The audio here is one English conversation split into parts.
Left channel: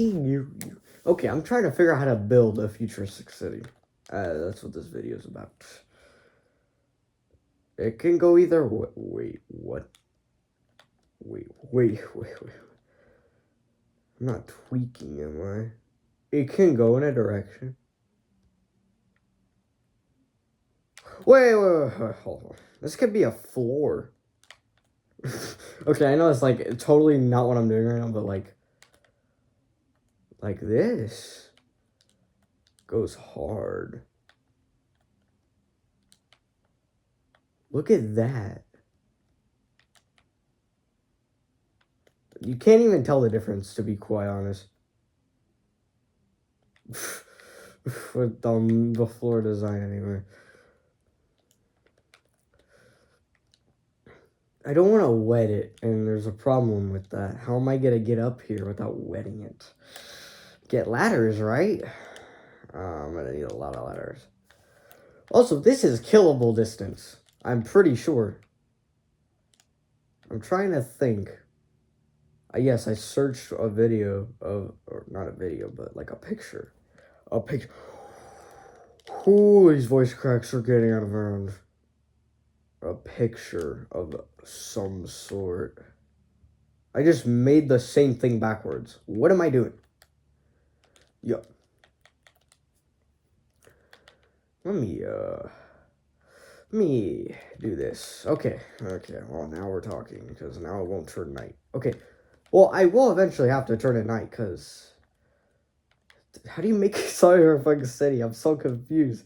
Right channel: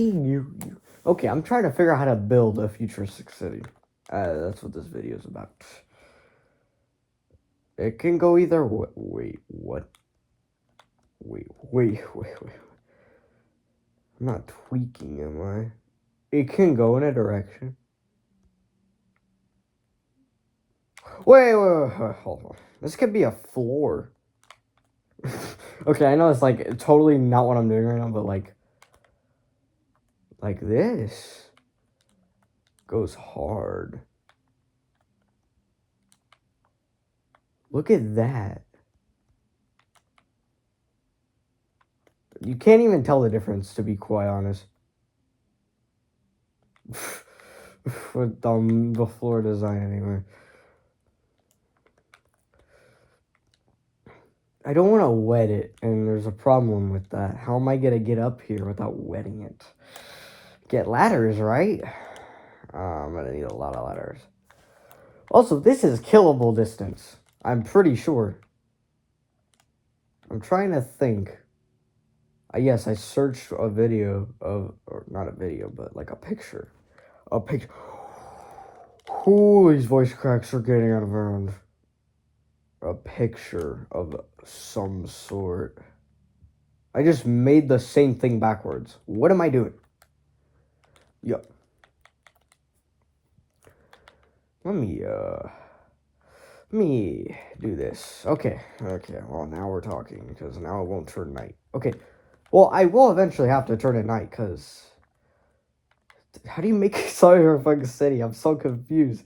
tweaking? Okay, I'm trying to figure out how to build a futuristic city. That's what this video is about. It can go either way. Wait, what? Wait. I'm not tweaking, am I? It can go in a direction. Wait, hold on. This could be a floor. Okay, I know it's like totally not what I'm doing right now, but like this goes hard. Look at that. You can't even tell the difference, to be quite honest. With the floor design, anyway. I don't want to wet it, and there's a problem with that. How am I going to get up here without wetting it? Get ladders, right? I'm going to need a lot of ladders. Also, this is killable distance. I'm pretty sure. I'm trying to think. Yes, I searched a video of, or not a video, but like a picture. A picture. Ooh, these voice cracks are getting out of hand. A picture of some sort. I just made the same thing backwards. What am I doing? Yup. Let me do this. Okay, well, now we're talking, because now it won't turn night. Okay, well, I will eventually have to turn it night, because... How do you make a cyberpunk city? I'm so confused.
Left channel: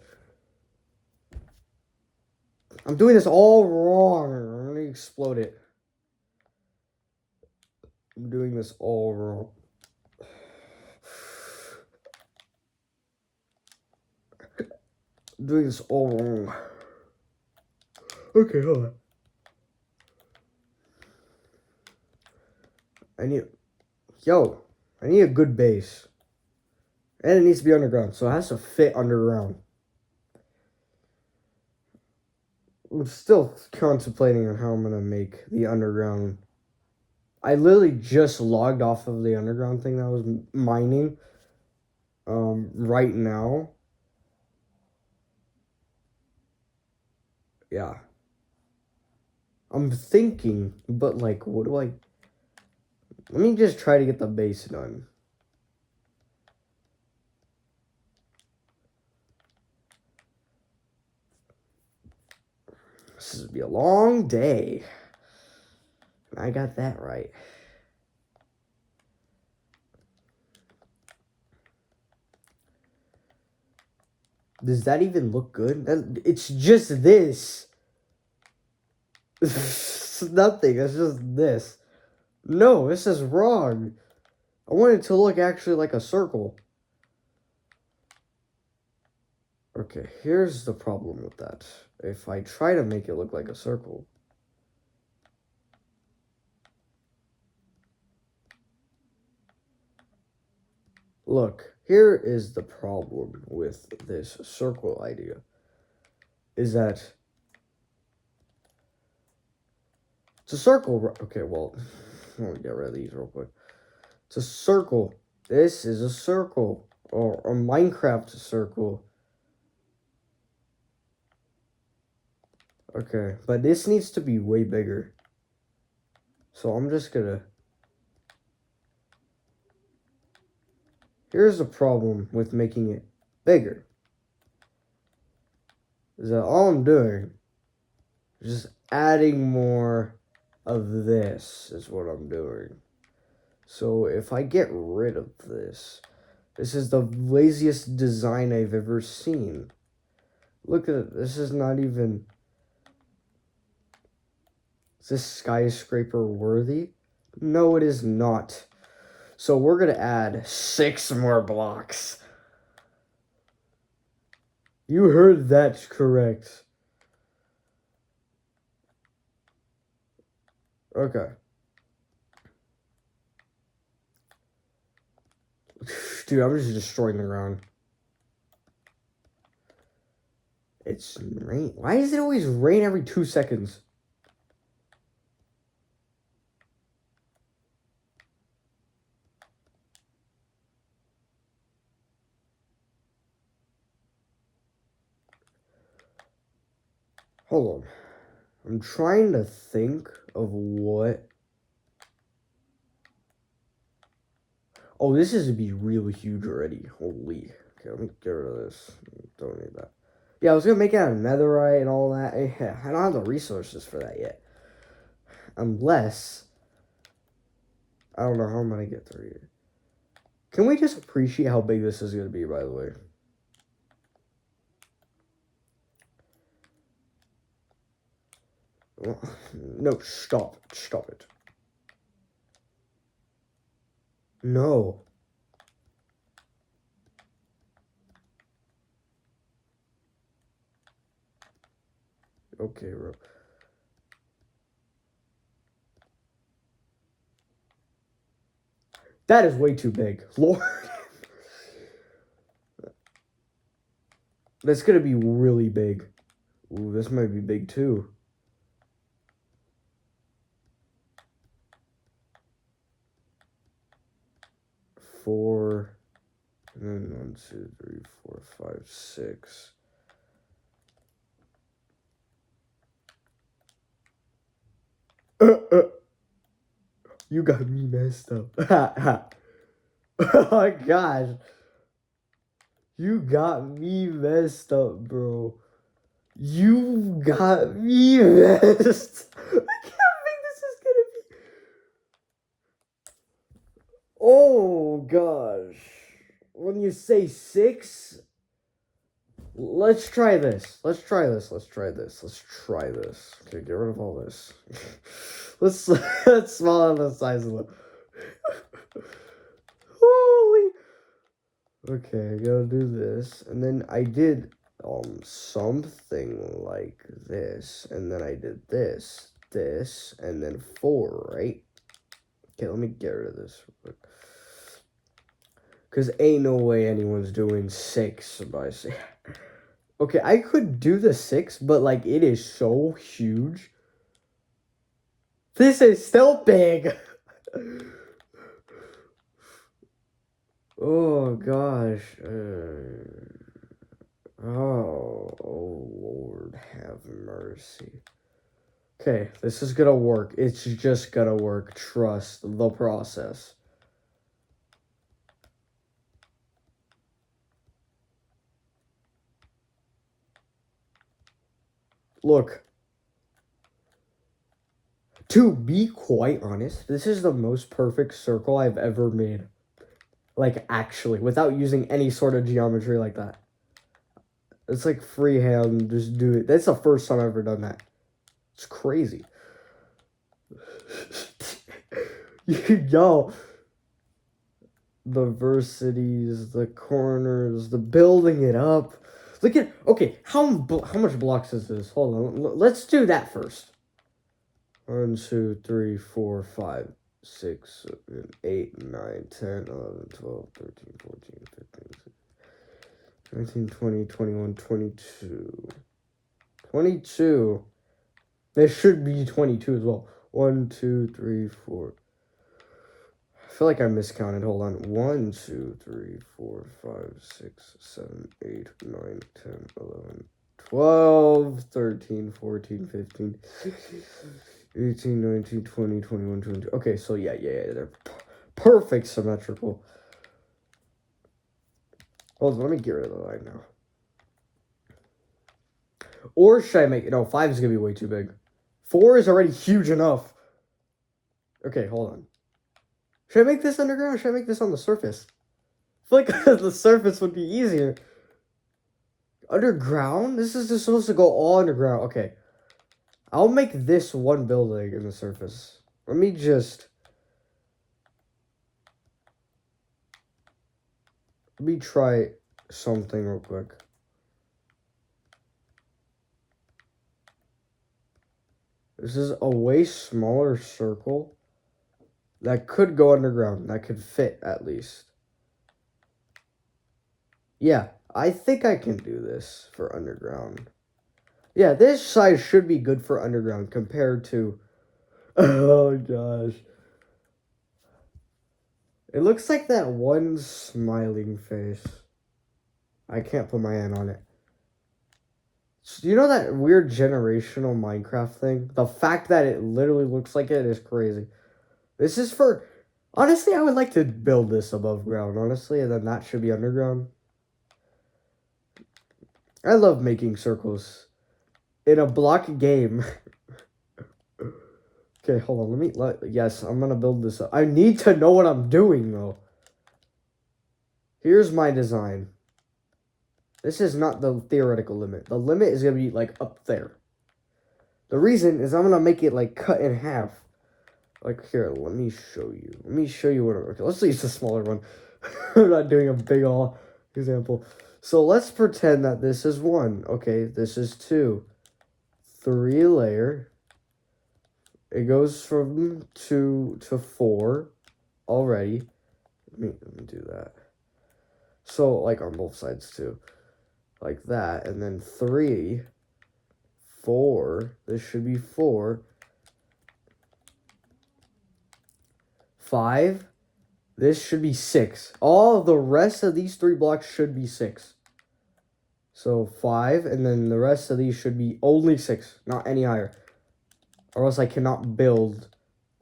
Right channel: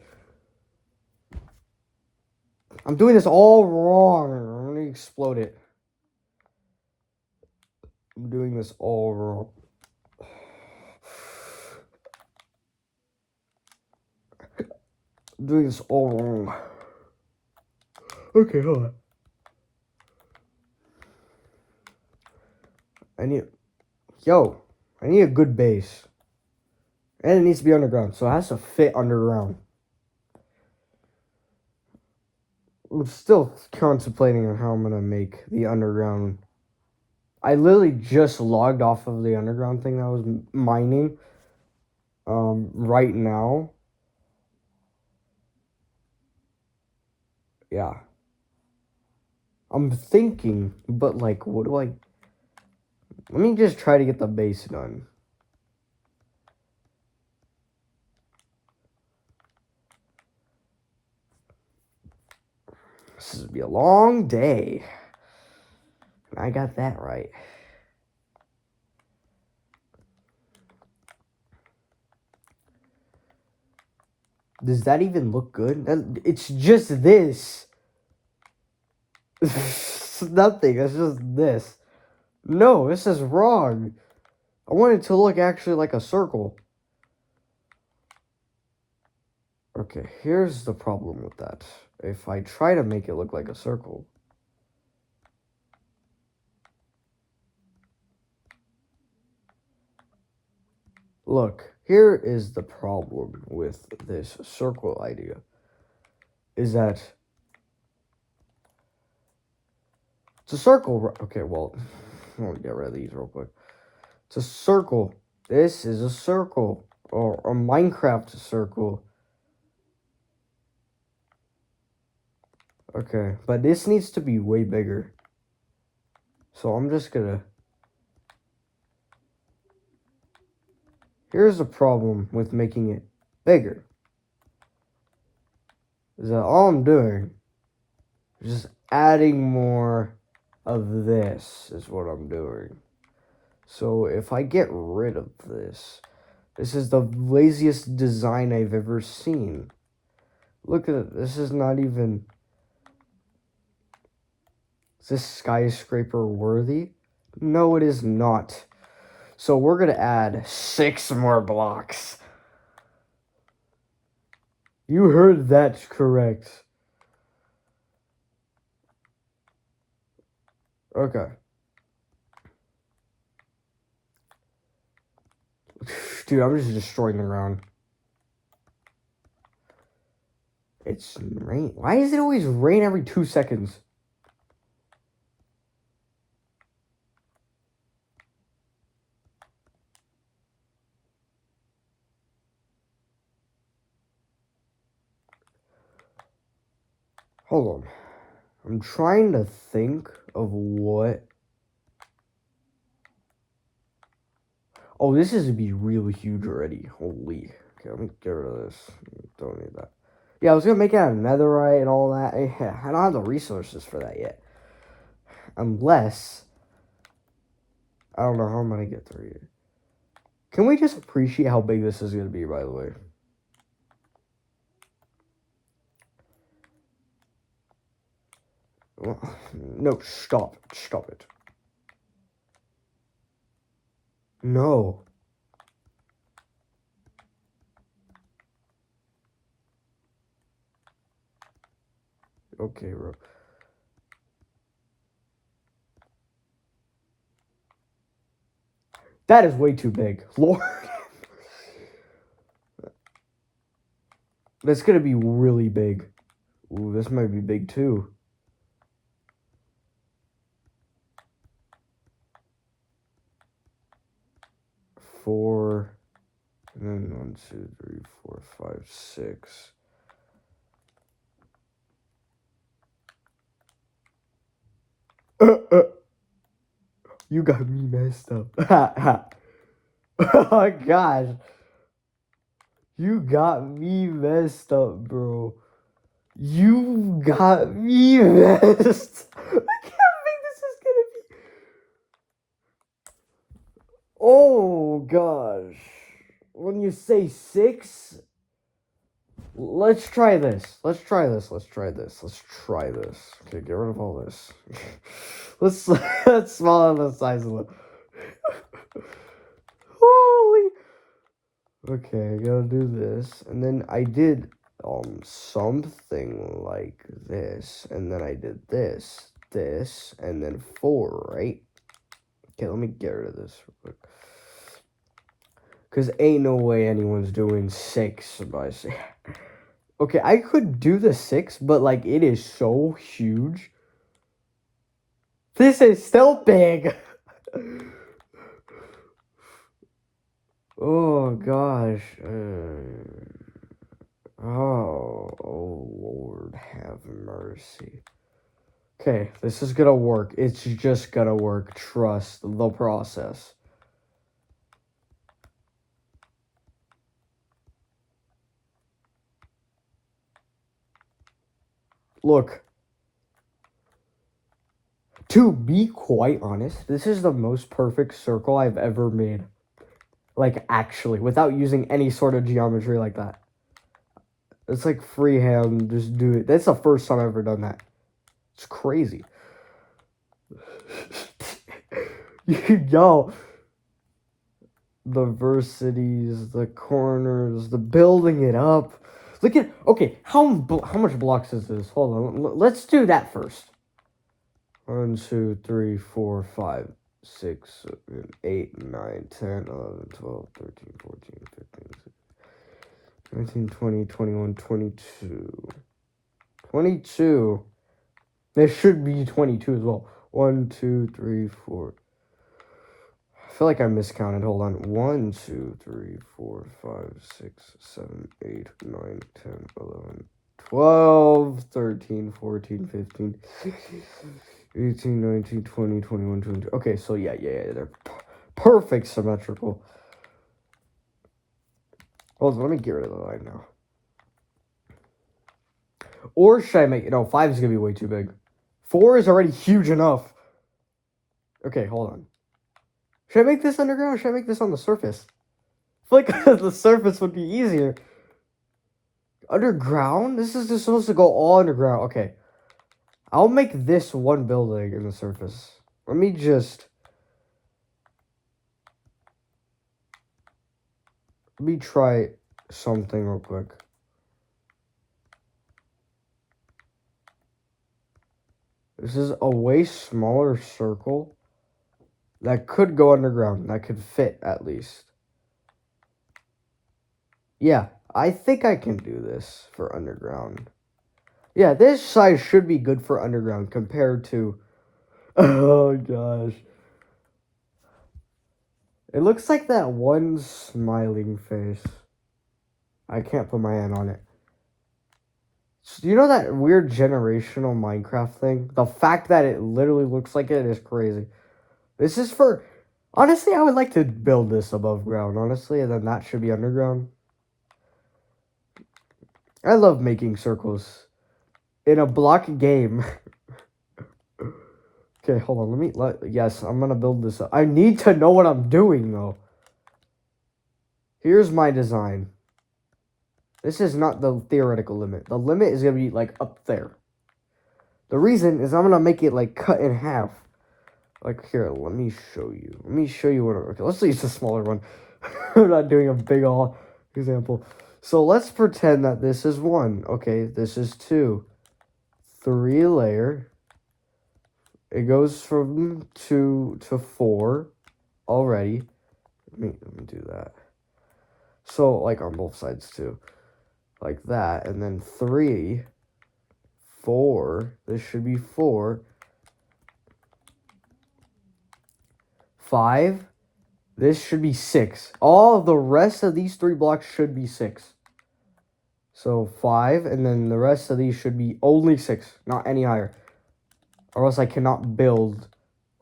I'm doing this all wrong. Let me explode it. I'm doing this all wrong. I'm doing this all wrong. Okay, hold on. I need a good base. And it needs to be underground, so it has to fit underground. I'm still contemplating on how I'm gonna make the underground. I literally just logged off of the underground thing that I was mining. Right now. Yeah. I'm thinking, but like, what do I... Let me just try to get the base done. This is gonna be a long day. I got that right. Does that even look good? It's just this. It's nothing. It's just this. No, this is wrong. I want it to look actually like a circle. Okay, here's the problem with that. If I try to make it look like a circle... Look, here is the problem with this circle idea. Is that... It's a circle. Okay, well, I'm gonna get rid of these real quick. It's a circle. This is a circle. Or a Minecraft circle. Okay, but this needs to be way bigger. So I'm just gonna... Here's the problem with making it bigger. Is that all I'm doing is just adding more of this is what I'm doing. So if I get rid of this, this is the laziest design I've ever seen. Look at it. This is not even... Is this skyscraper worthy? No, it is not. So we're going to add 6 more blocks. You heard that correct. Okay. Dude, I'm just destroying the ground. It's rain. Why does it always rain every 2 seconds? Hold on. I'm trying to think of what... Oh, this is to be really huge already. Holy. Okay, I'm gonna get rid of this. Don't need that. Yeah, I was gonna make it out of netherite and all that. Yeah, I don't have the resources for that yet. Unless... I don't know how I'm gonna get through here. Can we just appreciate how big this is gonna be, by the way? No, stop. Stop it. No. Okay, bro. That is way too big. Lord. That's gonna be really big. Ooh, this might be big too. Four. And then 1, 2, 3, 4, 5, 6. You got me messed up. Oh my gosh. You got me messed up, bro. You got me messed. I can't think this is gonna be. Oh gosh. When you say 6, let's try this. Let's try this. Let's try this. Let's try this. Okay, get rid of all this. let's small the size of it. Holy. Okay, I gotta do this, and then I did something like this, and then I did this, and then 4, right? Okay, let me get rid of this real quick. Cause ain't no way anyone's doing 6 by 6. Okay, I could do the 6, but like it is so huge. This is still big. Oh gosh. Oh Lord, have mercy. Okay, this is gonna work. It's just gonna work. Trust the process. Look. To be quite honest, this is the most perfect circle I've ever made. Like, actually, without using any sort of geometry like that. It's like freehand, just do it. That's the first time I've ever done that. It's crazy. Yo. The versities, the corners, the building it up. Look at, okay, how much blocks is this? Hold on, let's do that first. 1, 2, 3, 4, 5, 6, 7, 8, 9, 10, 11, 12, 13, 14, 15, 16, 19, 20, 21, 22. 22. There should be 22 as well. 1, 2, 3, 4. I feel like I miscounted. Hold on. 1, 2, 3, 4, 5, 6, 7, 8, 9, 10, 11, 12, 13, 14, 15, 18, 19, 20, 21, 22. Okay, so yeah, they're perfect symmetrical. Hold on, let me get rid of the line now. Or should I make... No, 5 is going to be way too big. 4 is already huge enough. Okay, hold on. Should I make this underground or should I make this on the surface? I feel like the surface would be easier. Underground? This is just supposed to go all underground. Okay. I'll make this one building in the surface. Let me just... Let me try something real quick. This is a way smaller circle that could go underground. That could fit, at least. Yeah, I think I can do this for underground. Yeah, this size should be good for underground compared to... Oh, gosh. It looks like that one smiling face. I can't put my hand on it. So you know that weird generational Minecraft thing? The fact that it literally looks like it is crazy. This is for... Honestly, I would like to build this above ground, honestly, and then that should be underground. I love making circles. In a block game. Okay, hold on, yes, I'm gonna build this up. I need to know what I'm doing, though. Here's my design. This is not the theoretical limit. The limit is gonna be, like, up there. The reason is I'm gonna make it, like, cut in half. Like, here, let me show you. Let me show you what... Okay, let's use a smaller one. I'm not doing a big all example. So let's pretend that this is 1. Okay, this is 2. 3 layer. It goes from 2 to 4 already. Let me do that. So, like, on both sides, too. Like that. And then 3, 4. This should be 4. 5. This should be 6. All of the rest of these 3 blocks should be 6. So 5, and then the rest of these should be only 6, not any higher. Or else I cannot build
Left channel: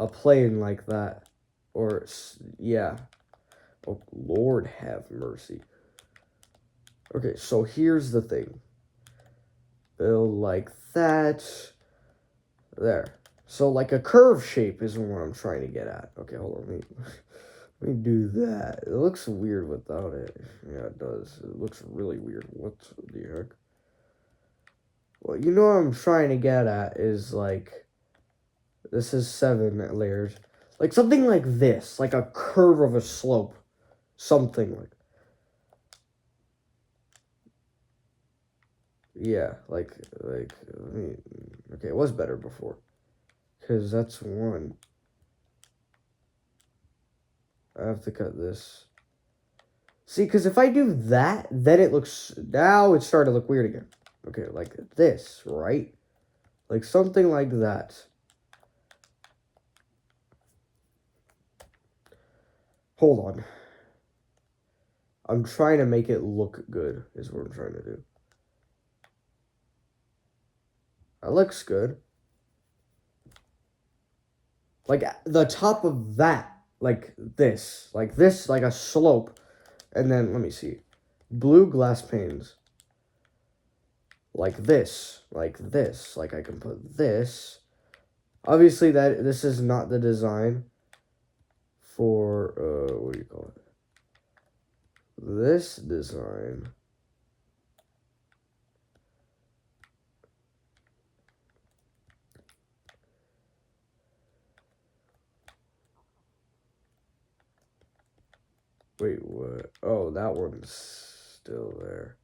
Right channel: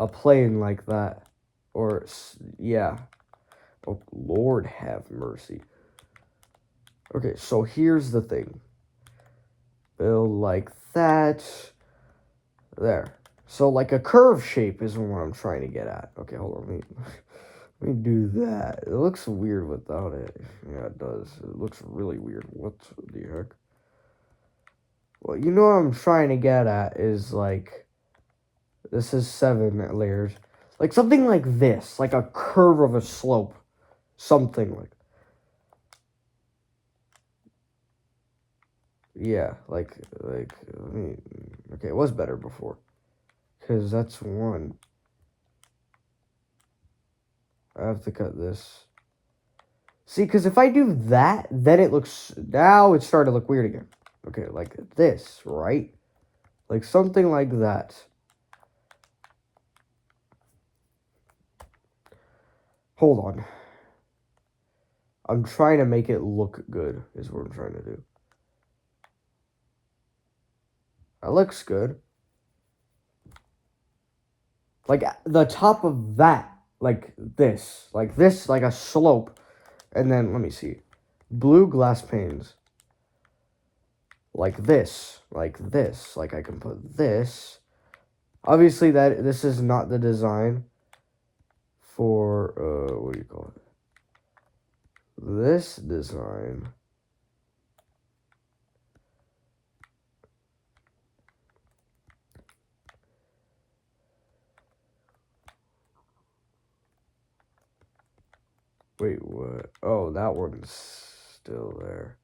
a plane like that. Or, yeah. Oh, Lord have mercy. Okay, so here's the thing. Build like that. There. So, like, a curve shape is what I'm trying to get at. Okay, hold on. Let me do that. It looks weird without it. Yeah, it does. It looks really weird. What the heck? Well, you know what I'm trying to get at is, like, this is 7 layers. Like, something like this. Like a curve of a slope. Something like... Yeah, like, I mean, okay, it was better before. Because that's 1. I have to cut this. See, because if I do that, then it looks... Now it's starting to look weird again. Okay, like this, right? Like something like that. Hold on. I'm trying to make it look good, is what I'm trying to do. That looks good. Like, the top of that, like this, like a slope. And then, let me see. Blue glass panes. Like this, like I can put this. Obviously, this is not the design for, what do you call it? This design. Wait, what? Oh, that one's still there.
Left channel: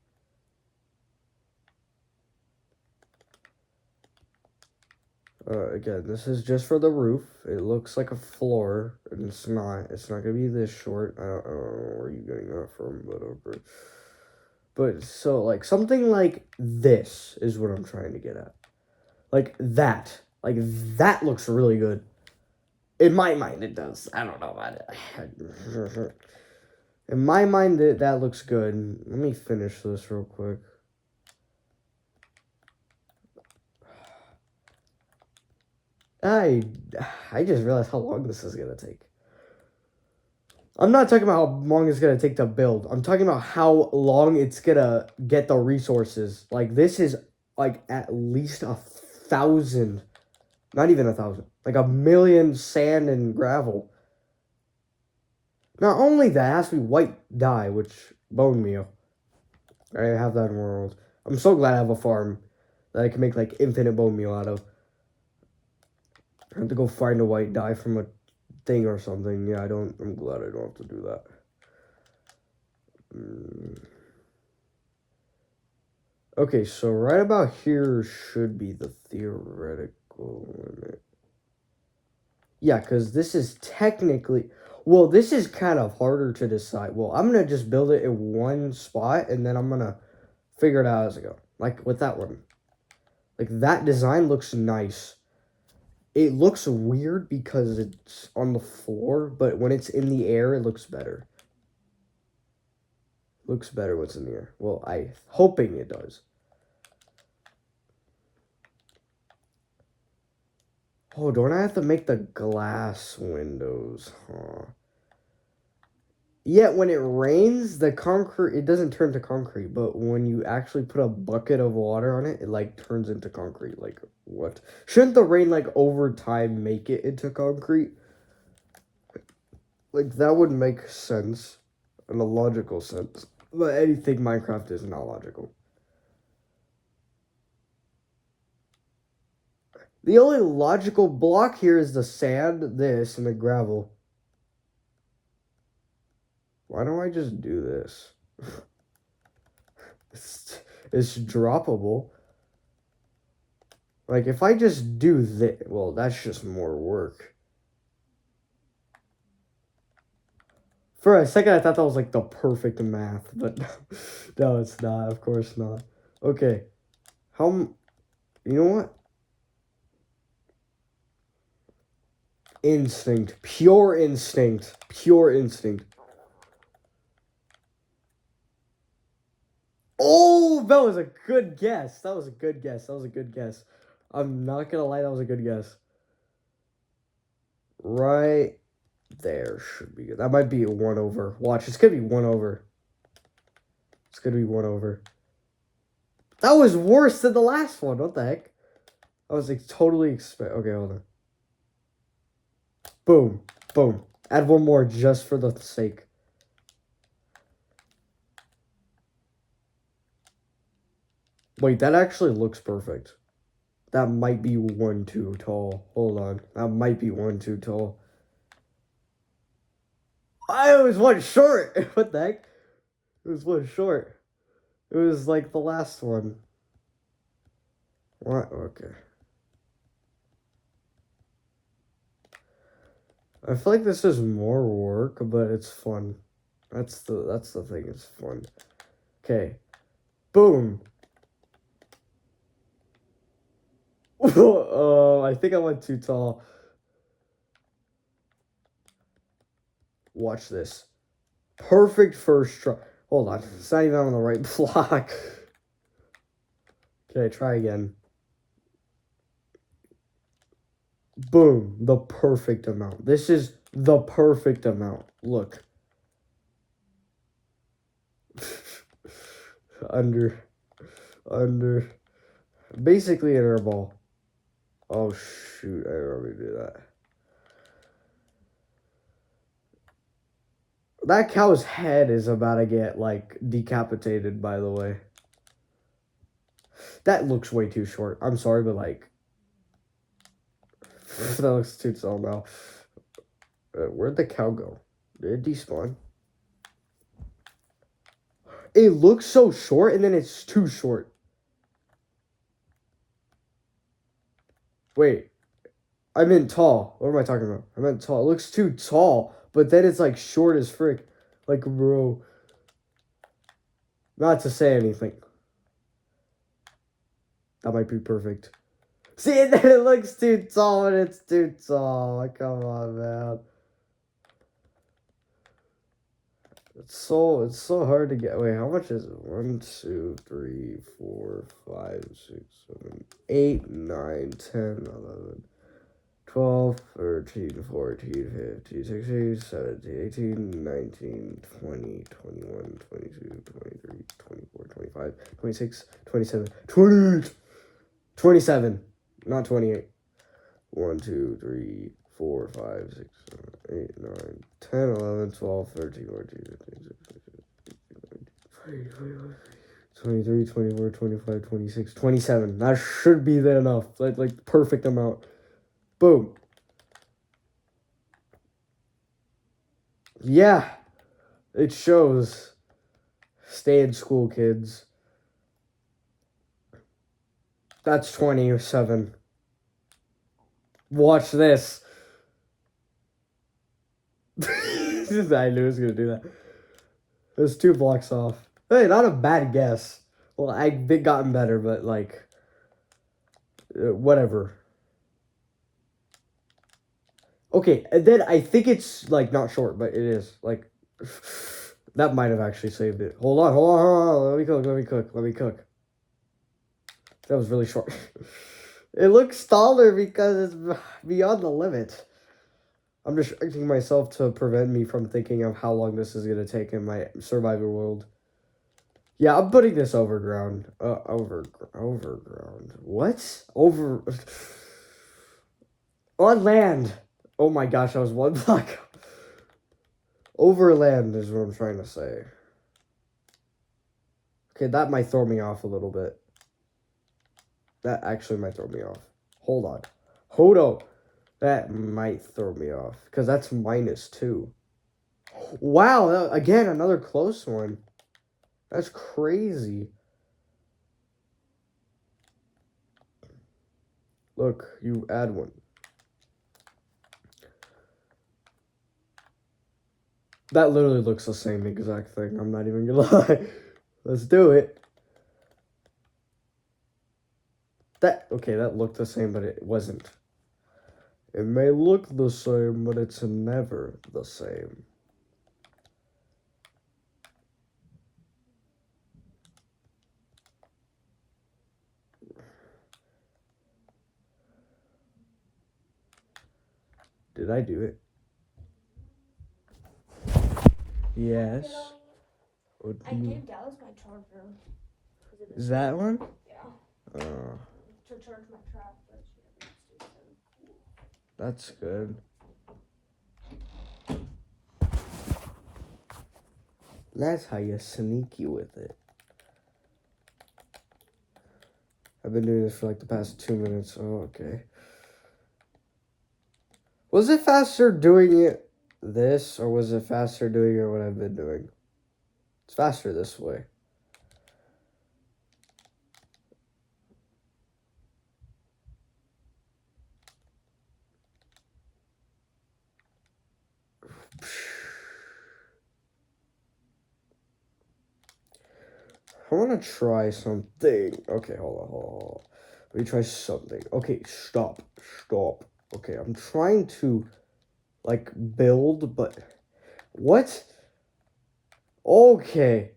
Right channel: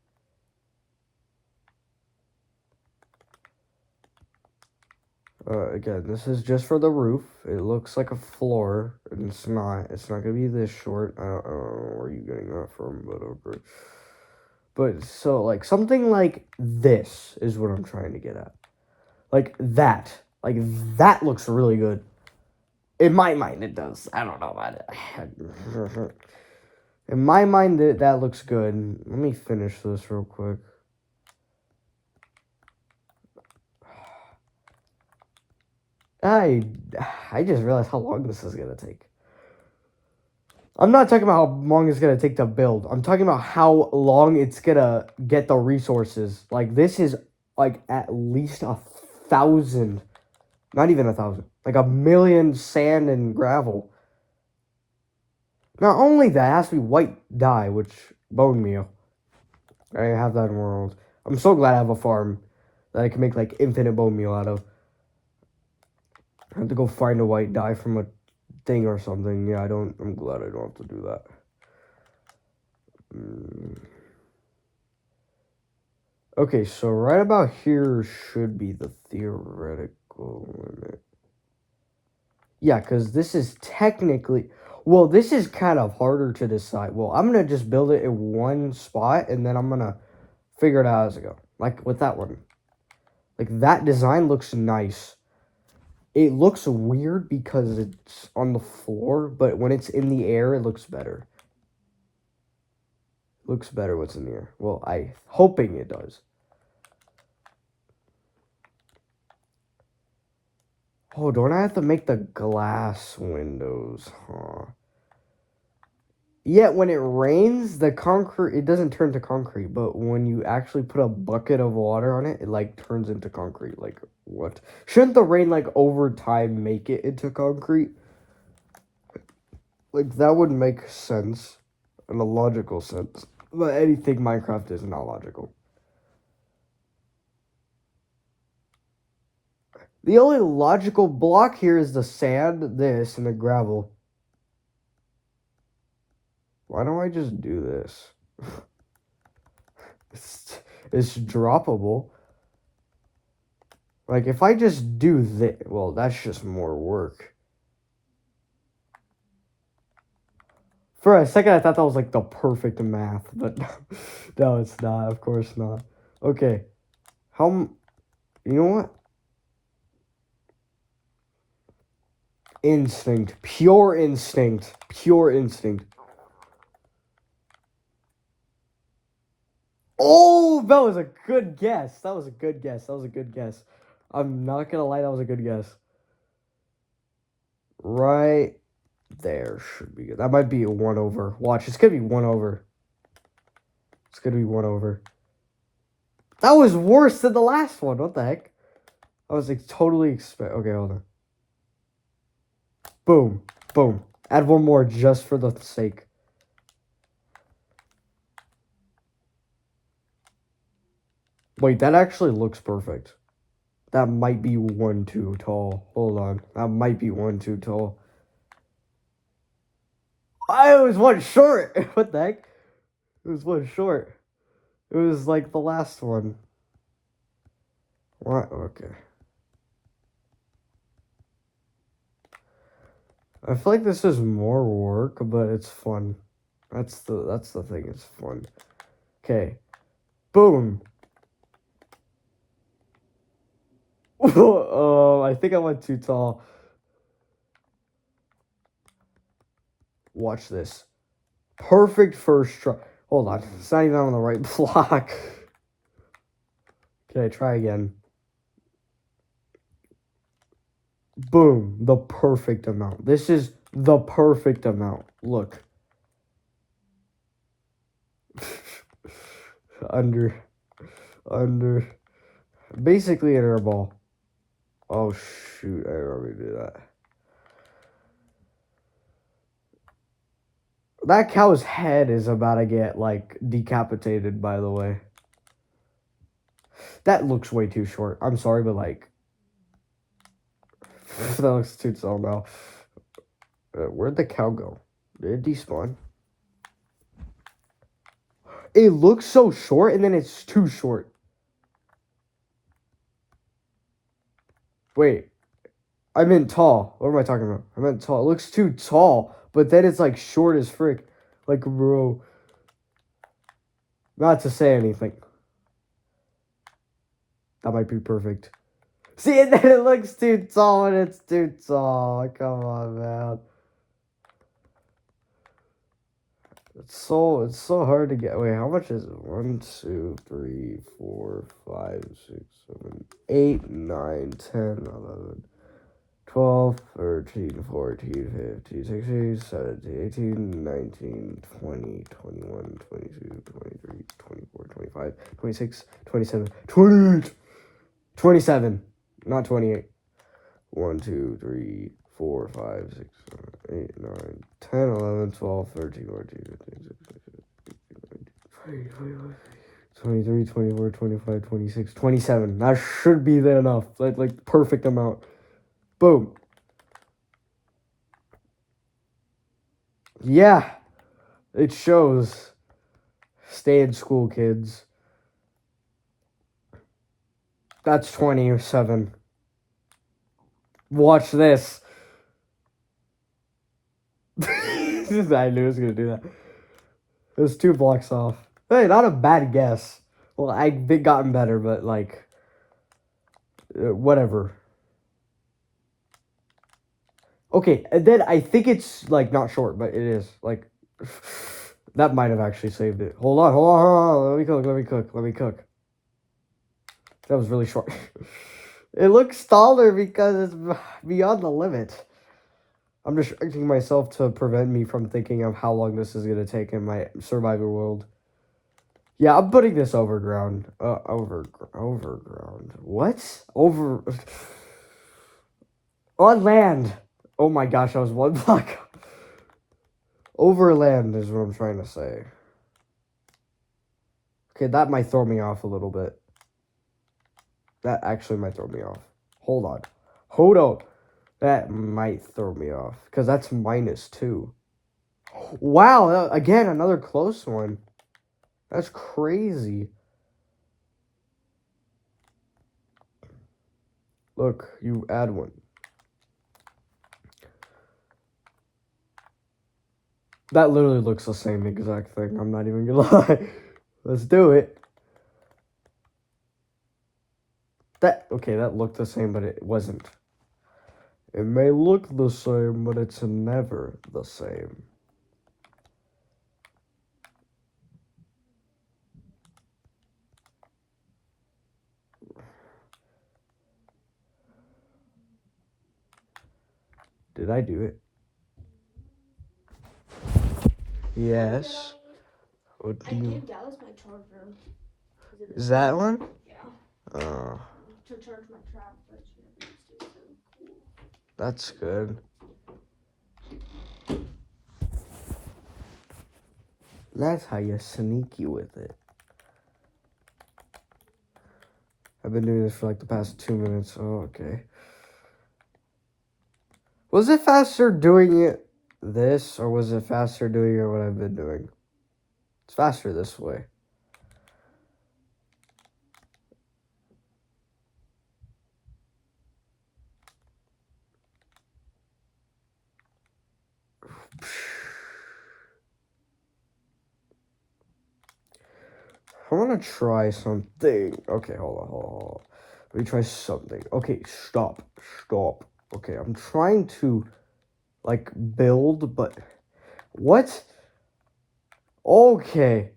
Again, this is just for the roof. It looks like a floor, and it's not. It's not gonna be this short. I don't know where you're getting that from, but okay. But, so, like, something like this is what I'm trying to get at. Like that. Like, that looks really good. In my mind, it does. I don't know about it. In my mind, that looks good. Let me finish this real quick. I just realized how long this is going to take. I'm not talking about how long it's going to take to build. I'm talking about how long it's going to get the resources. Like, this is, like, at least 1,000. Not even 1,000. Like, 1,000,000 sand and gravel. Not only that, it has to be white dye, which, bone meal. I have that in the world. I'm so glad I have a farm that I can make, like, infinite bone meal out of. I have to go find a white dye from a thing or something. Yeah, I'm glad I don't have to do that. Okay, so right about here should be the theoretical limit. Yeah, because this is technically... Well, this is kind of harder to decide. Well, I'm going to just build it in one spot, and then I'm going to figure it out as I go. Like, with that one. Like, that design looks nice. It looks weird because it's on the floor, but when it's in the air, it looks better. Looks better when it's in the air. Well, I'm hoping it does. Oh, don't I have to make the glass windows? Huh. Yet when it rains, the concrete, it doesn't turn to concrete. But when you actually put a bucket of water on it, it like turns into concrete. Like, what? Shouldn't the rain like over time make it into concrete? Like, that would make sense in a logical sense. But anything Minecraft is not logical. The only logical block here is the sand, this, and the gravel. Why don't I just do this? it's droppable. Like, if I just do this, well, that's just more work. For a second, I thought that was like the perfect math, but no, it's not. Of course not. Okay. You know what? Instinct. Pure instinct. Pure instinct. Oh, that was a good guess. That was a good guess. That was a good guess. I'm not gonna lie, that was a good guess. Right there should be good. That might be a 1 over. Watch, it's gonna be 1 over. It's gonna be 1 over. That was worse than the last one. What the heck? I was like totally okay, hold on. Boom. Boom. Add one more just for the sake. Wait, that actually looks perfect. That might be 1 too tall. Hold on. That might be 1 too tall. I was 1 short. What the heck? It was 1 short. It was like the last one. What? Okay. I feel like this is more work, but it's fun. That's the thing. It's fun. Okay. Boom. Oh, I think I went too tall. Watch this. Perfect first try. Hold on. It's not even on the right block. Okay, try again. Boom. The perfect amount. This is the perfect amount. Look. Under. Basically an air ball. Oh, shoot. I already did that. That cow's head is about to get, like, decapitated, by the way. That looks way too short. I'm sorry, but, like... that looks too tall now. Where'd the cow go? Did it despawn? It looks so short, and then it's too short. Wait. I meant tall. What am I talking about? I meant tall. It looks too tall, but then it's, like, short as frick. Like, bro. Not to say anything. That might be perfect. See, and then it looks too tall and it's too tall. Come on, man. It's so hard to get. Wait, how much is it? 1, 2, 3, 4, 5, 6, 7, 8, 9, 10, 11, 12, 13, 14, 15, 16, 17, 18, 19, 20, 21, 22, 23, 24, 25, 26, 27, 28, 27. Not 28. 1, 2, 3, 4, 5, 6, 7, 8, 9, 10, 11, 12, 13, 14, 15, 16, 17, 23, 24, 25, 26, 27. That should be there enough. Like perfect amount. Boom. Yeah. It shows. Stay in school, kids. That's 27. Watch this. I knew I was going to do that. It was 2 blocks off. Hey, not a bad guess. Well, I've gotten better, but, like, whatever. Okay, and then I think it's, like, not short, but it is. Like, that might have actually saved it. Hold on. Let me cook. That was really short. It looks taller because it's beyond the limit. I'm distracting myself to prevent me from thinking of how long this is going to take in my survival world. Yeah, I'm putting this overground. Overground. What? On land. Oh my gosh, I was one block. Overland is what I'm trying to say. Okay, that might throw me off a little bit. That actually might throw me off. Hold on. Hold on. That might throw me off. Because that's -2. Wow, again, another close one. That's crazy. Look, you add one. That literally looks the same exact thing. I'm not even gonna lie. Let's do it. Okay, that looked the same, but it wasn't. It may look the same, but it's never the same. Did I do it? Yes. What do you... That was my charger. Is that one? Yeah. Oh. To charge my trap. That's good. That's how you sneaky with it. I've been doing this for like the past 2 minutes. Oh, okay. Was it faster doing it this, or was it faster doing it what I've been doing? It's faster this way. I want to try something. Okay, hold on. Let me try something. Okay, stop. Okay, I'm trying to, like, build, but... What? Okay.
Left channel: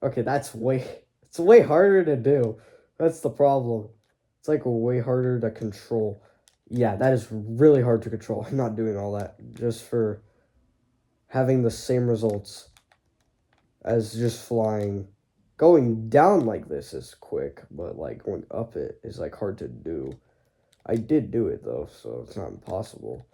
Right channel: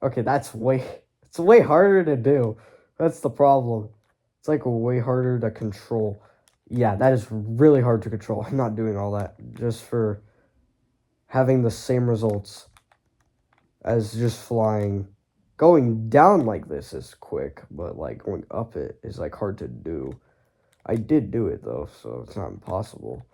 Okay, it's way harder to do. That's the problem. It's, like, way harder to control. Yeah, that is really hard to control. I'm not doing all that just for having the same results as just flying. Going down like this is quick, but like going up it is like hard to do. I did do it though, so it's not impossible.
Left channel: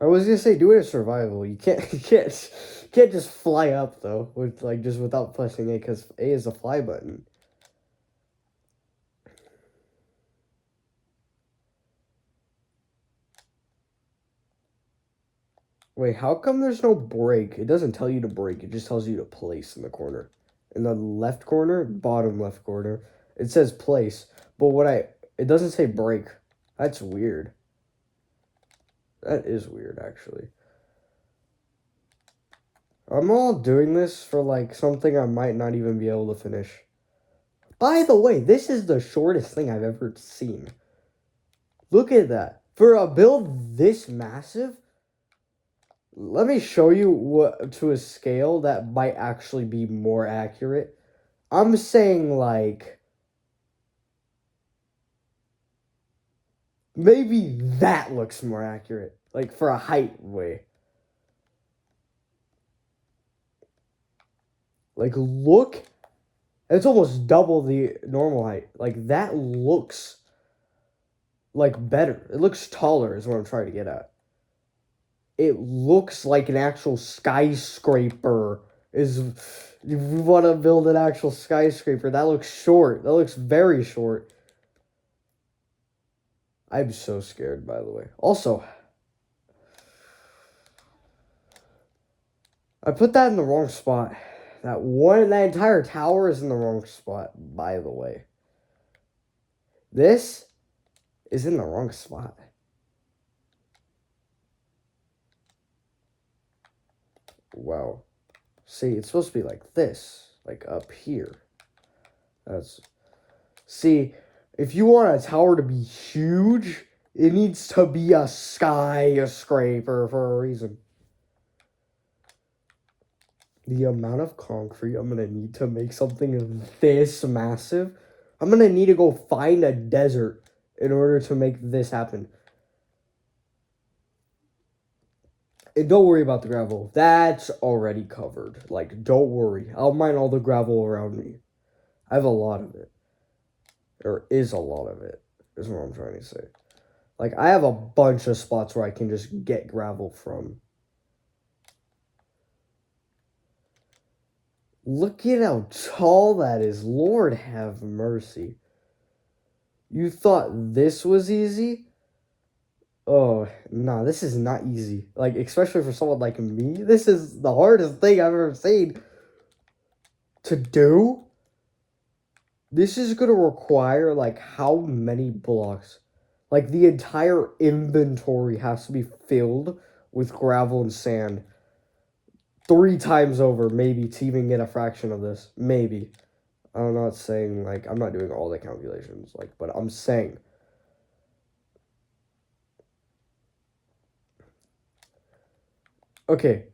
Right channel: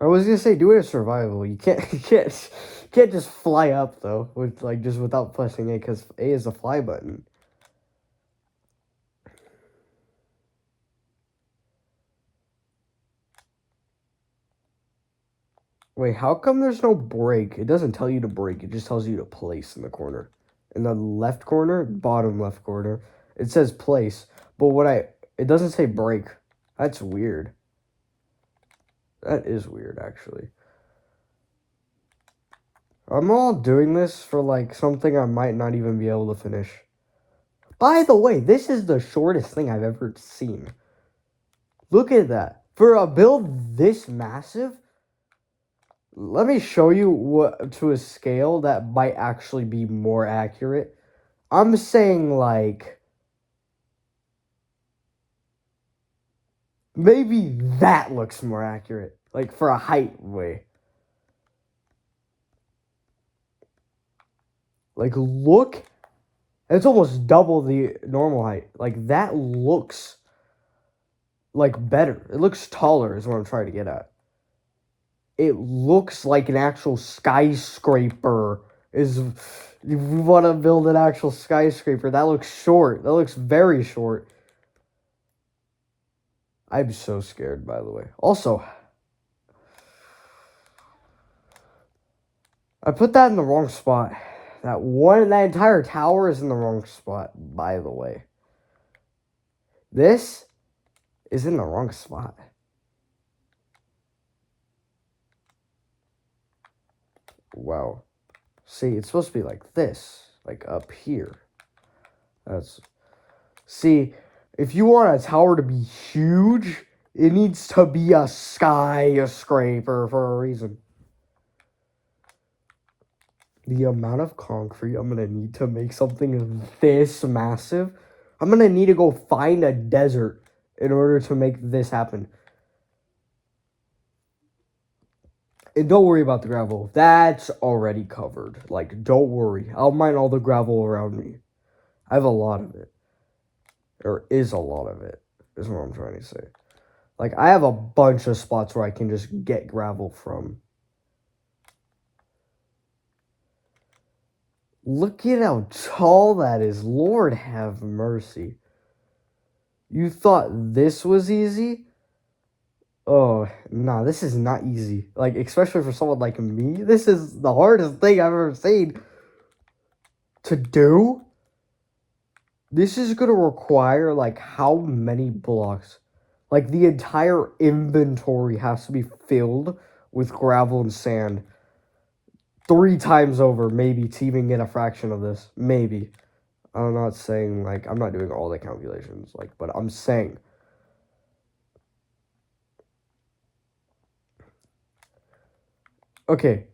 I was gonna say do it in survival. You can't just fly up though with like just without pressing A, because A is the fly button. Wait, how come there's no break? It doesn't tell you to break, it just tells you to place in the corner. In the left corner, bottom left corner, it says place. But it doesn't say break. That's weird. That is weird, actually. I'm all doing this for like something I might not even be able to finish. By the way, this is the shortest thing I've ever seen. Look at that. For a build this massive, let me show you what to a scale that might actually be more accurate. I'm saying like maybe that looks more accurate. Like for a height way. Like look, it's almost double the normal height. Like that looks like better. It looks taller is what I'm trying to get at. It looks like an actual skyscraper. If we want to build an actual skyscraper, that looks short. That looks very short. I'm so scared, by the way. Also, I put that in the wrong spot. That entire tower is in the wrong spot, by the way. This is in the wrong spot. Wow. See, it's supposed to be like this, like up here. See, if you want a tower to be huge, it needs to be a skyscraper for a reason. the amount of concrete I'm gonna need to make something this massive, I'm gonna need to go find a desert in order to make this happen. And don't worry about the gravel. That's already covered. Like, don't worry. I'll mine all the gravel around me. I have a lot of it. Or is a lot of it, is what I'm trying to say. Like, I have a bunch of spots where I can just get gravel from. Look at how tall that is. Lord have mercy. You thought this was easy? Oh, nah, this is not easy. Like, especially for someone like me, this is the hardest thing I've ever seen to do. This is gonna require, like, how many blocks? Like, the entire inventory has to be filled with gravel and sand 3 times over, maybe, to even get a fraction of this. Maybe. I'm not saying, like, I'm not doing all the calculations, like, but I'm saying. Okay.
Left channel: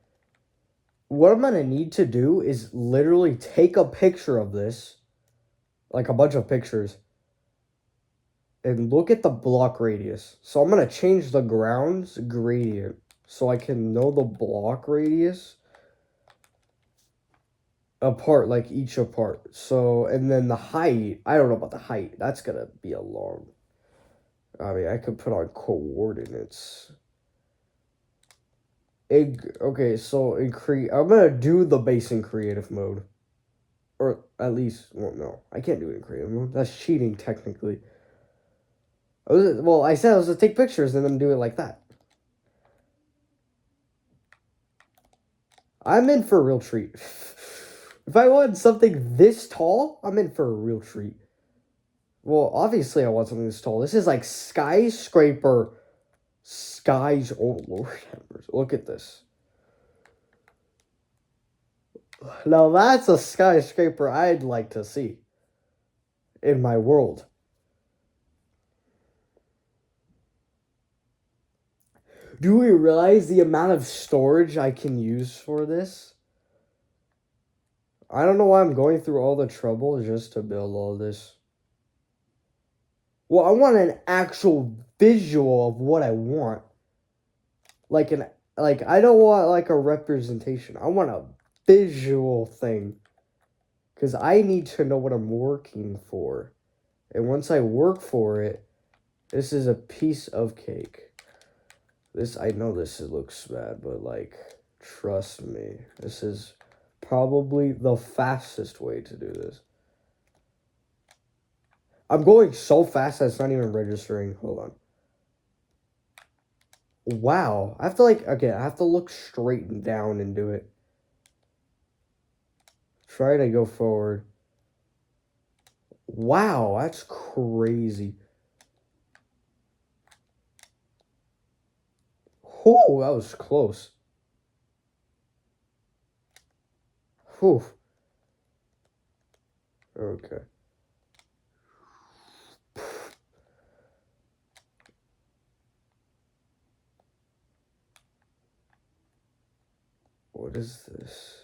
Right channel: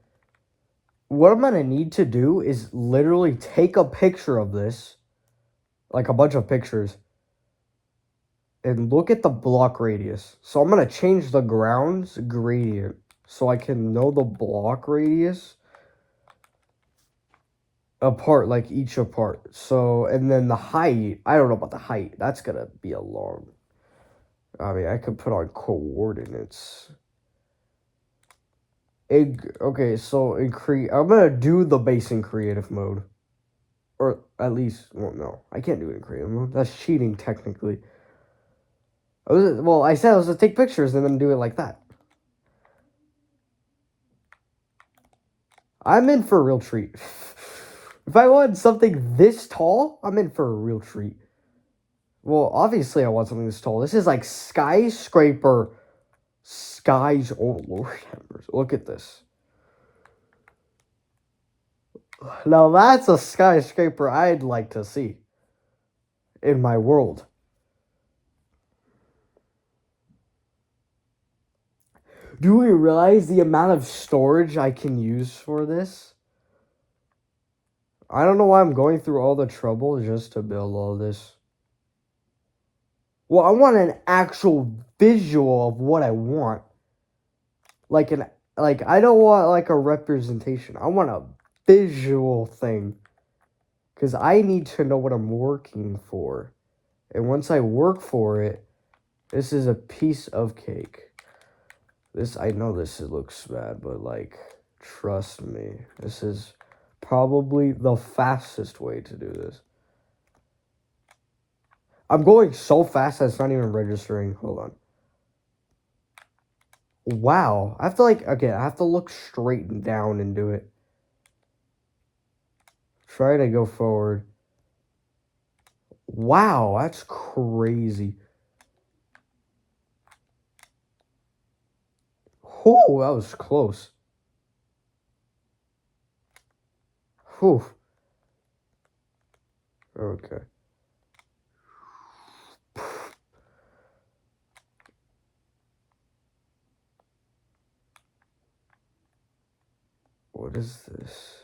What I'm gonna need to do is literally take a picture of this, like a bunch of pictures, and look at the block radius. So I'm gonna change the ground's gradient so I can know the block radius apart, like each apart. So, and then the height, I don't know about the height. That's gonna be a long. I mean, I could put on coordinates. Okay, so I'm gonna do the base in creative mode. Or at least, well, no, I can't do it in creative mode. That's cheating, technically. I said I was gonna take pictures and then do it like that. I'm in for a real treat. If I want something this tall, I'm in for a real treat. Well, obviously I want something this tall. This is like skyscraper. Oh, Lord. Look at this. Now that's a skyscraper I'd like to see in my world. Do we realize the amount of storage I can use for this? I don't know why I'm going through all the trouble just to build all this. Well, I want an actual visual of what I want. Like I don't want like a representation. I want a visual thing. Cause I need to know what I'm working for. And once I work for it, this is a piece of cake. I know this looks bad, but like, trust me, this is probably the fastest way to do this. I'm going so fast that it's not even registering. Hold on. Wow. I have to I have to look straight down and do it. Try to go forward. Wow, that's crazy. Oh, that was close. Whew. Okay. What is this?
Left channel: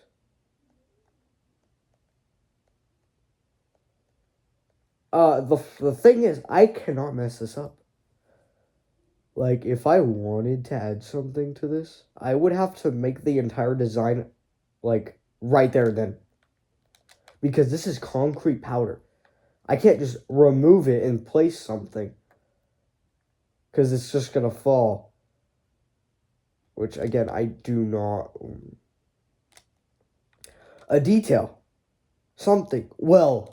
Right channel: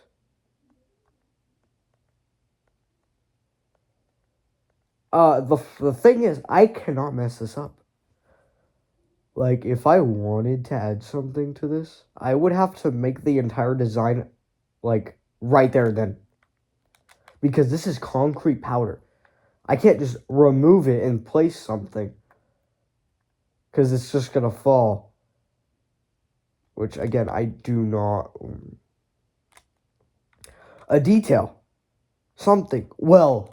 The thing is, I cannot mess this up. Like, if I wanted to add something to this, I would have to make the entire design, like, right there and then. Because this is concrete powder. I can't just remove it and place something. Because it's just gonna fall. Which, again, I do not... A detail. Something. Well.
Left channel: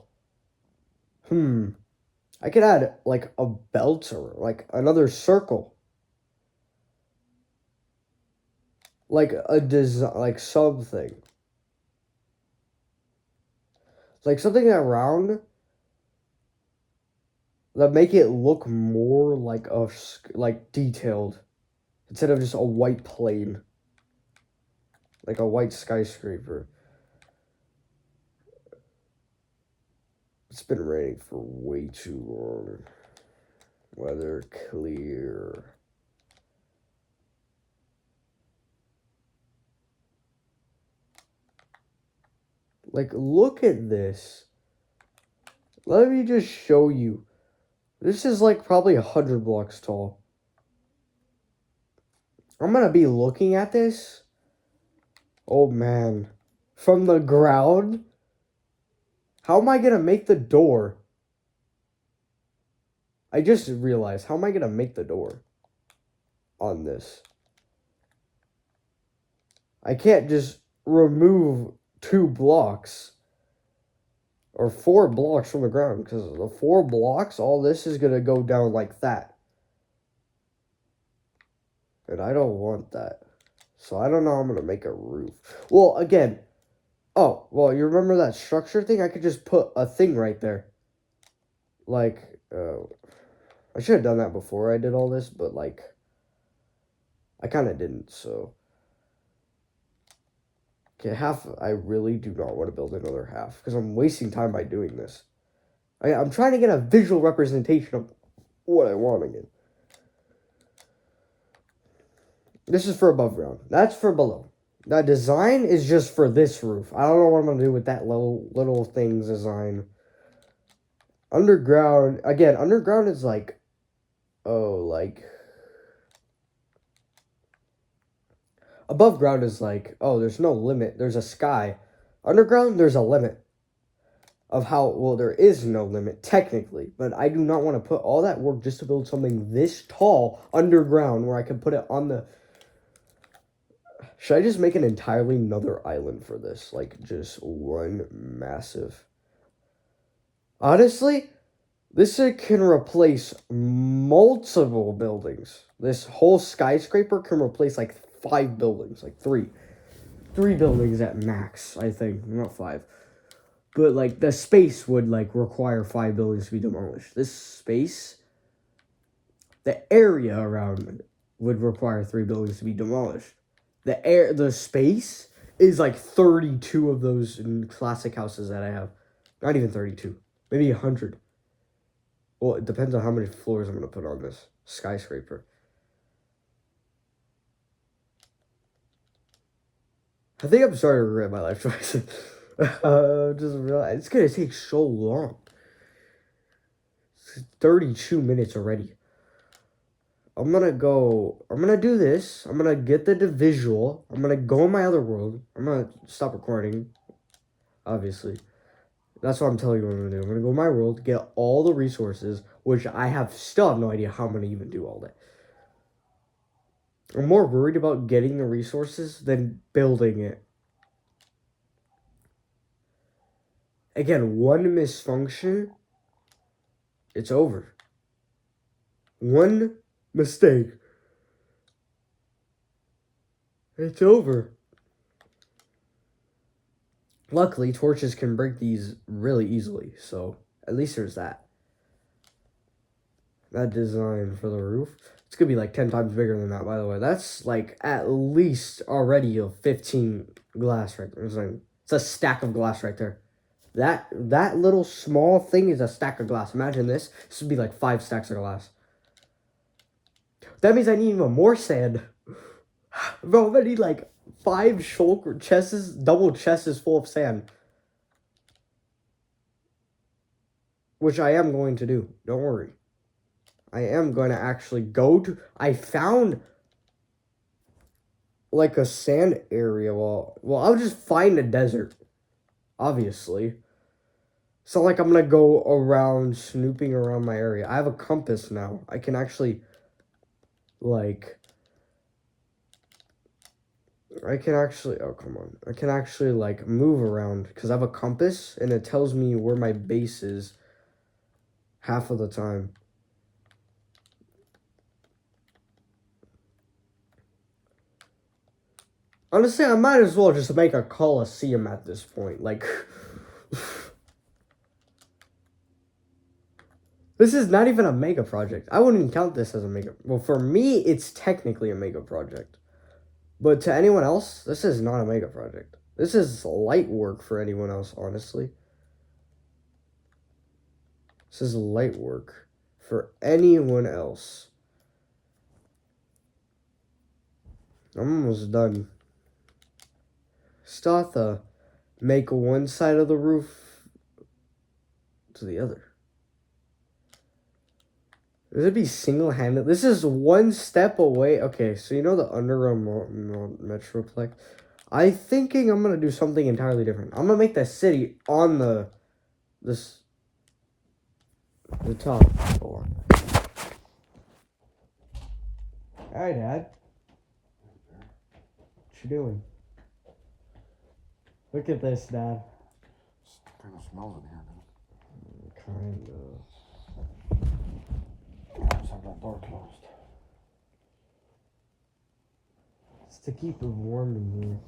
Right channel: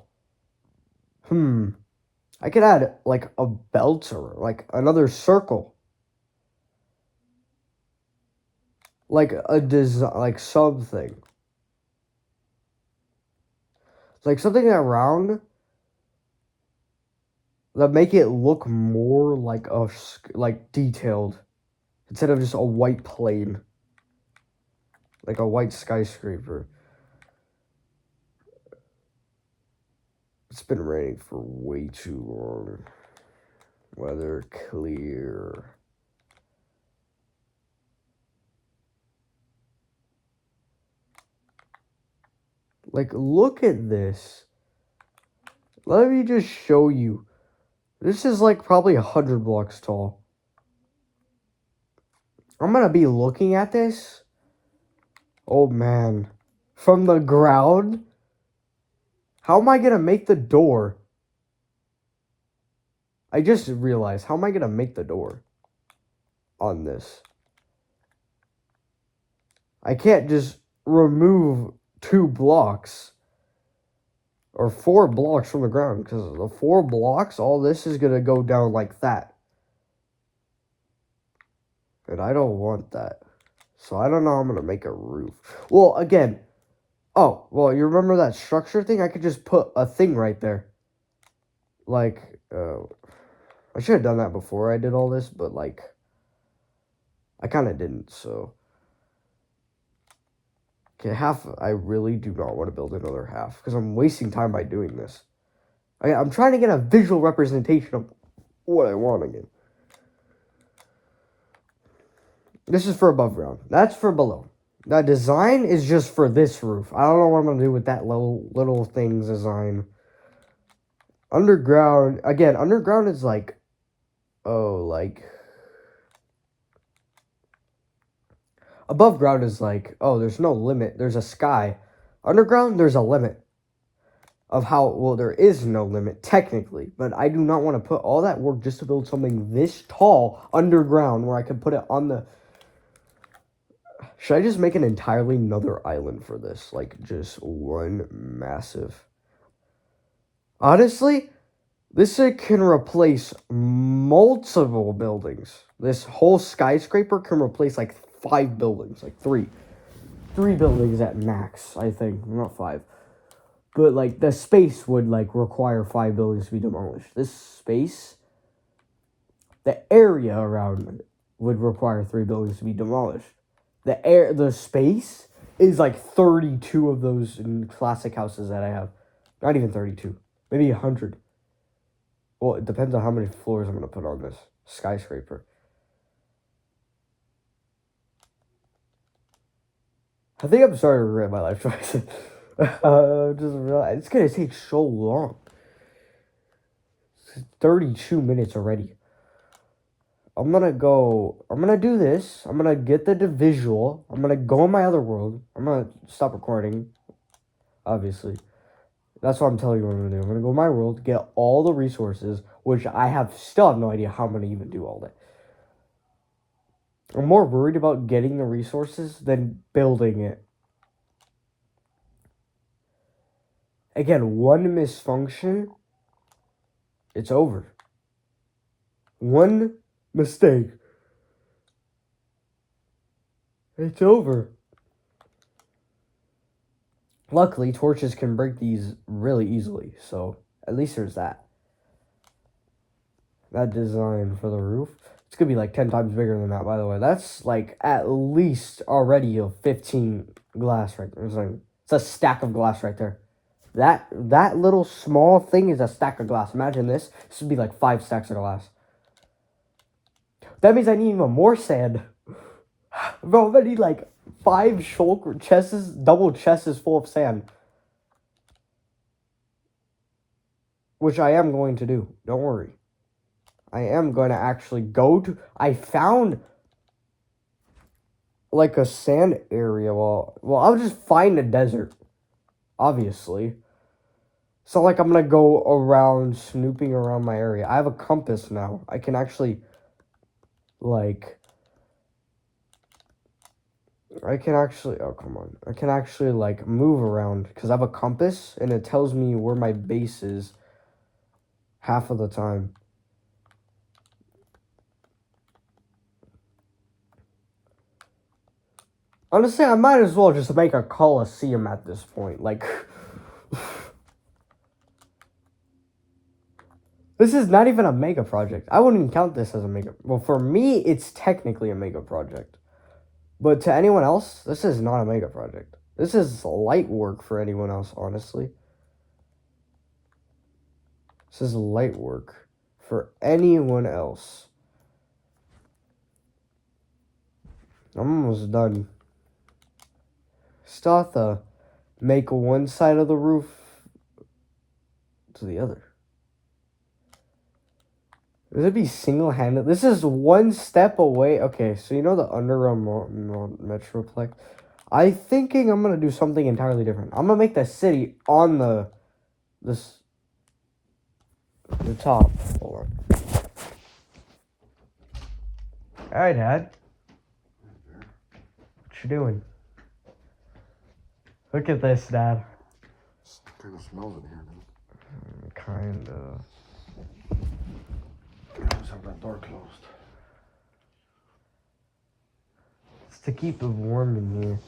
I could add, like, a belt or, like, another circle. Like, a design, like, something. Like, something around that make it look more like detailed. Instead of just a white plane. Like a white skyscraper. It's been raining for way too long. Weather clear. Like, look at this. Let me just show you. This is like probably 100 blocks tall. I'm gonna be looking at this. Oh man. From the ground? How am I gonna make the door? I just realized, how am I gonna make the door on this? I can't just remove 2 blocks or 4 blocks from the ground, because the 4 blocks, all this is gonna go down like that. And I don't want that. So I don't know how I'm gonna make a roof. Well, again, oh, well, you remember that structure thing? I could just put a thing right there. Like, I should have done that before I did all this, but like, I kind of didn't, so. Okay, half, I really do not want to build another half, because I'm wasting time by doing this. I'm trying to get a visual representation of what I want again. This is for above ground. That's for below. That design is just for this roof. I don't know what I'm going to do with that little things design. Underground, again, underground is like, above ground is like, oh, there's no limit. There's a sky. Underground, there's a limit of how, well, there is no limit, technically. But I do not want to put all that work just to build something this tall underground where I can put it on the... Should I just make an entirely another island for this? Like, just one massive... Honestly, this can replace multiple buildings. This whole skyscraper can replace like 5 buildings, like 3 buildings at max, I think, not 5. But like the space would like require 5 buildings to be demolished. This space, the area around it would require 3 buildings to be demolished. The space is like 32 of those in classic houses that I have. Not even 32, maybe 100. Well, it depends on how many floors I'm going to put on this skyscraper. I think I'm starting to regret my life choices. Just realize it's going to take so long. It's 32 minutes already. I'm going to do this. I'm going to get the visual. I'm going to go in my other world. I'm going to stop recording, obviously. That's what I'm telling you what I'm going to do. I'm going to go in my world, get all the resources, which I still have no idea how I'm going to even do all that. I'm more worried about getting the resources than building it. Again, one misfunction, it's over. One mistake, it's over. Luckily, torches can break these really easily, so at least there's that. That design for the roof, it's gonna be like 10 times bigger than that, by the way. That's like at least already a 15 glass right there. It's a stack of glass right there. That little small thing is a stack of glass. Imagine this. This would be like 5 stacks of glass. That means I need even more sand. Bro, I need like 5 shulker chests, double chests full of sand. Which I am going to do. Don't worry. I am going to actually go to... I found like a sand area. Well, I'll just find a desert. Obviously. So like I'm going to go around, snooping around my area. I have a compass now. I can actually like... oh, come on. I can actually, like, move around. Because I have a compass, and it tells me where my base is half of the time. Honestly, I might as well just make a coliseum at this point. Like... This is not even a mega project. I wouldn't even count this as a mega... Well, for me, it's technically a mega project. But to anyone else, this is not a mega project. This is light work for anyone else, honestly. This is light work for anyone else. I'm almost done. Still have to make one side of the roof to the other. This would be single-handed. This is one step away. Okay, so you know the underground metroplex? I'm thinking I'm gonna do something entirely different. I'm gonna make the city on the top. Hold on. All right, Dad. What you doing? Look at this, Dad. Kind of smells in here, man. Kinda. I always have that door closed. It's to keep it warm in here.